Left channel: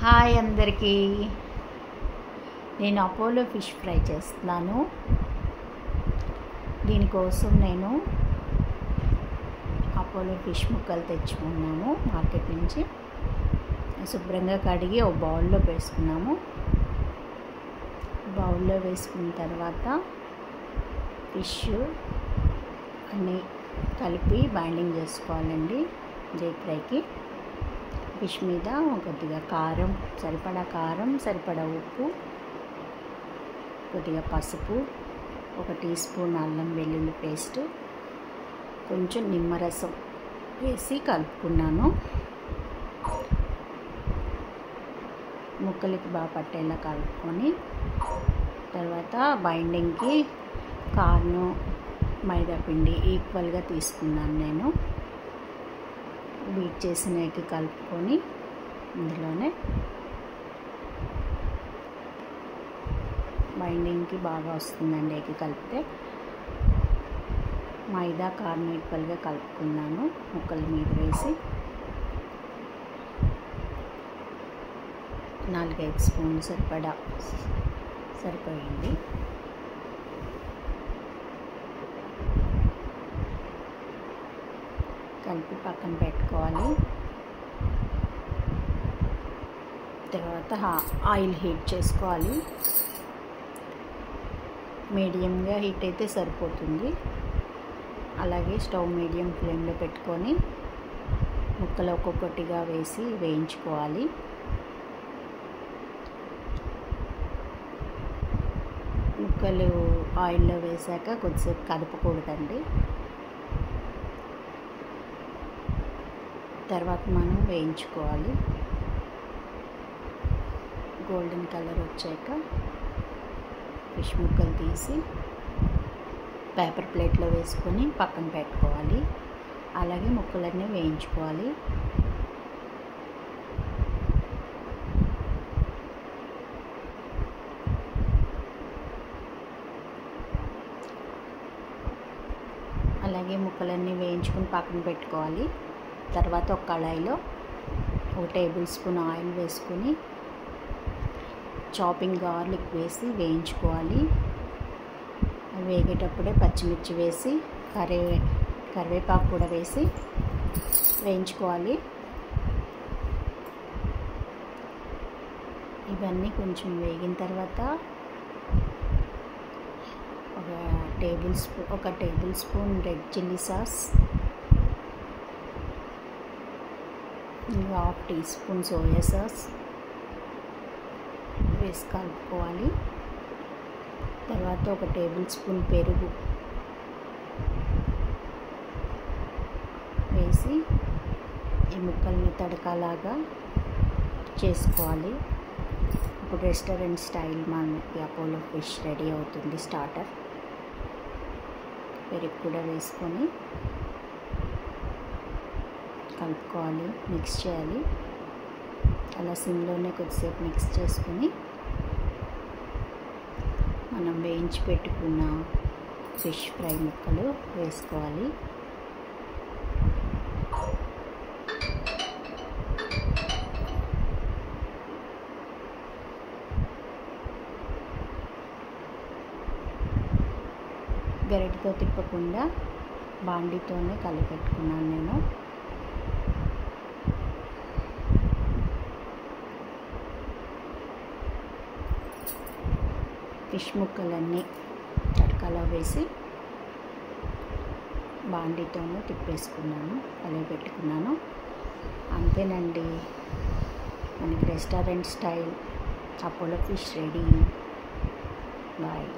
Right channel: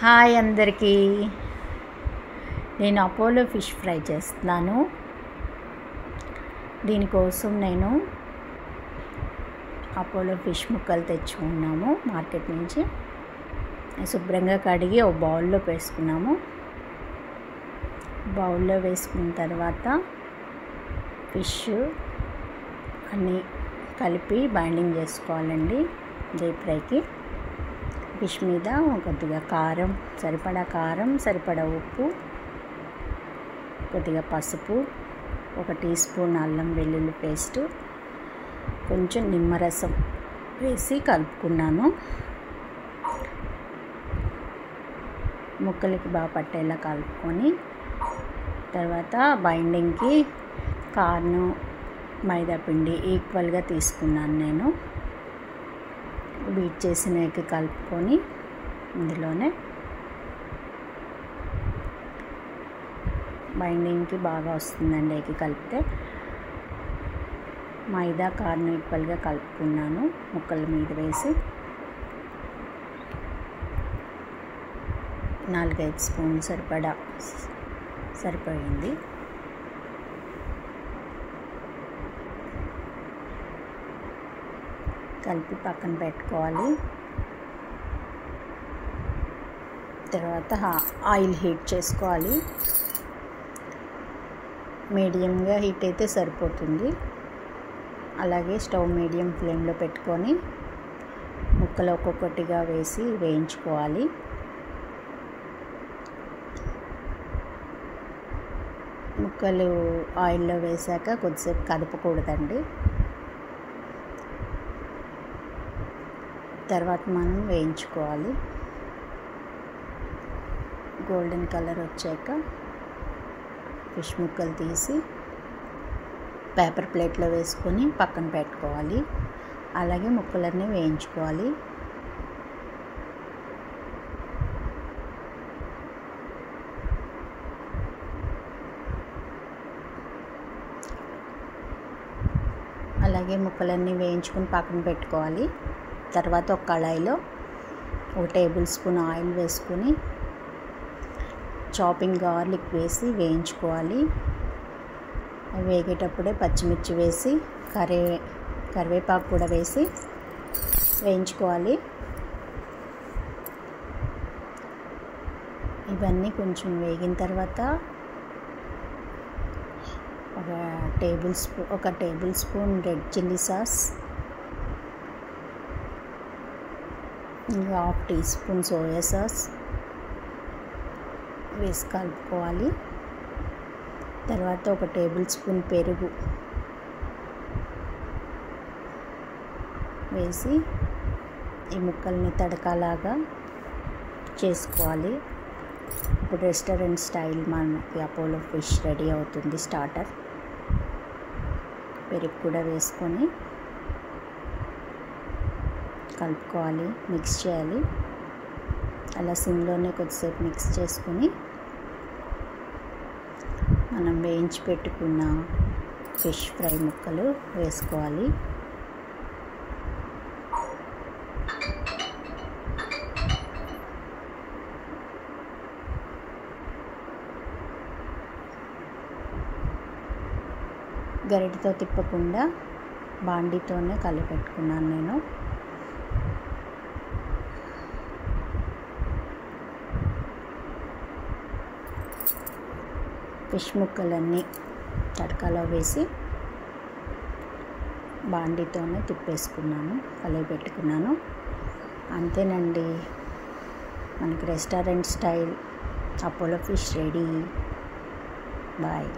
Hi అందరికీ. నేను Apollo fish fry చేస్తున్నాను. దీనికోసం నేను అపోలో ఫిష్ ముక్కలు తెచ్చుకున్నాము మార్కెట్ నుంచి. శుభ్రంగా కడిగి ఒక బౌల్లో వేసుకున్నాము. బౌల్లో వేసుకున్న తర్వాత ఫిష్ అన్నీ కలిపి బైండింగ్ చేసుకోవాలండి డీప్ ఫ్రైకి. ఫిష్ మీద కొద్దిగా కారం, సరిపడా ఉప్పు, కొద్దిగా పసుపు, 1 టీ స్పూన్ అల్లం వెల్లుల్లి పేస్టు, కొంచెం నిమ్మరసం వేసి కలుపుకున్నాను. ముక్కలకి బాగా పట్టేలా కలుపుకొని తర్వాత బైండింగ్కి కార్న్, మైదా పిండి ఈక్వల్గా తీసుకున్నాను. నేను బీట్ చేసిన ఎగ్ కలుపుకొని ఇందులోనే బైండింగ్కి బాగా వస్తుందండి. ఎగ్ కలిపితే మైదా కార్న్ ఈక్వల్గా కలుపుకున్నాను. ముక్కల మీద వేసి 4-5 స్పూన్లు సరిపోయింది. కలిపి పక్కన పెట్టుకోవాలి. తర్వాత ఆయిల్ హీట్ చేసుకోవాలి. మీడియంగా హీట్ అయితే సరిపోతుంది. అలాగే స్టవ్ మీడియం ఫ్లేమ్లో పెట్టుకొని ముక్కలు ఒక్కొక్కటిగా వేసి వేయించుకోవాలి. ముక్కలు ఆయిల్లో వేసాక కొద్దిసేపు కదపకూడదండి. తర్వాత మనం వేయించుకోవాలి. గోల్డెన్ కలర్ వచ్చాక ఫిష్ ముక్కలు తీసి పేపర్ ప్లేట్లో వేసుకొని పక్కన పెట్టుకోవాలి. అలాగే ముక్కలన్నీ వేయించుకోవాలి. అలాగే ముక్కలన్నీ వేయించుకొని పక్కన పెట్టుకోవాలి. తర్వాత ఒక కళాయిలో 1 టేబుల్ స్పూన్ ఆయిల్ వేసుకొని చాపింగ్ గార్లిక్ వేసి వేయించుకోవాలి. అవి వేగేటప్పుడే పచ్చిమిర్చి వేసి కరివేపాకు కూడా వేసి వేయించుకోవాలి. ఇవన్నీ కొంచెం వేగిన తర్వాత 1 tablespoon red chilli sauce, 1/2 teaspoon soya sauce వేసి కలుపుకోవాలి. తర్వాత 1 టేబుల్ స్పూన్ పెరుగు వేసి ఈ ముక్కల్ని తడకలాగా చేసుకోవాలి. ఇప్పుడు రెస్టారెంట్ స్టైల్ మనకి అపోలో ఫిష్ రెడీ అవుతుంది. స్టార్టర్ పెరుగు కూడా వేసుకొని కలుపుకోవాలి, మిక్స్ చేయాలి. అలా సిమ్లోనే కొద్దిసేపు మిక్స్ చేసుకొని మనం వేయించి పెట్టుకున్న ఫిష్ ఫ్రై ముక్కలు వేసుకోవాలి. గరిటెతో తిప్పకుండా బాండీతోనే కలిపెట్టుకున్నాను నేను. ఫిష్ ముక్కలన్నీ తడకలో వేసి బాండీతోనే తిప్పేసుకున్నాను, కలిపెట్టుకున్నాను. అంతేనండి, మనకి restaurant style Apollo fish ready. Bye.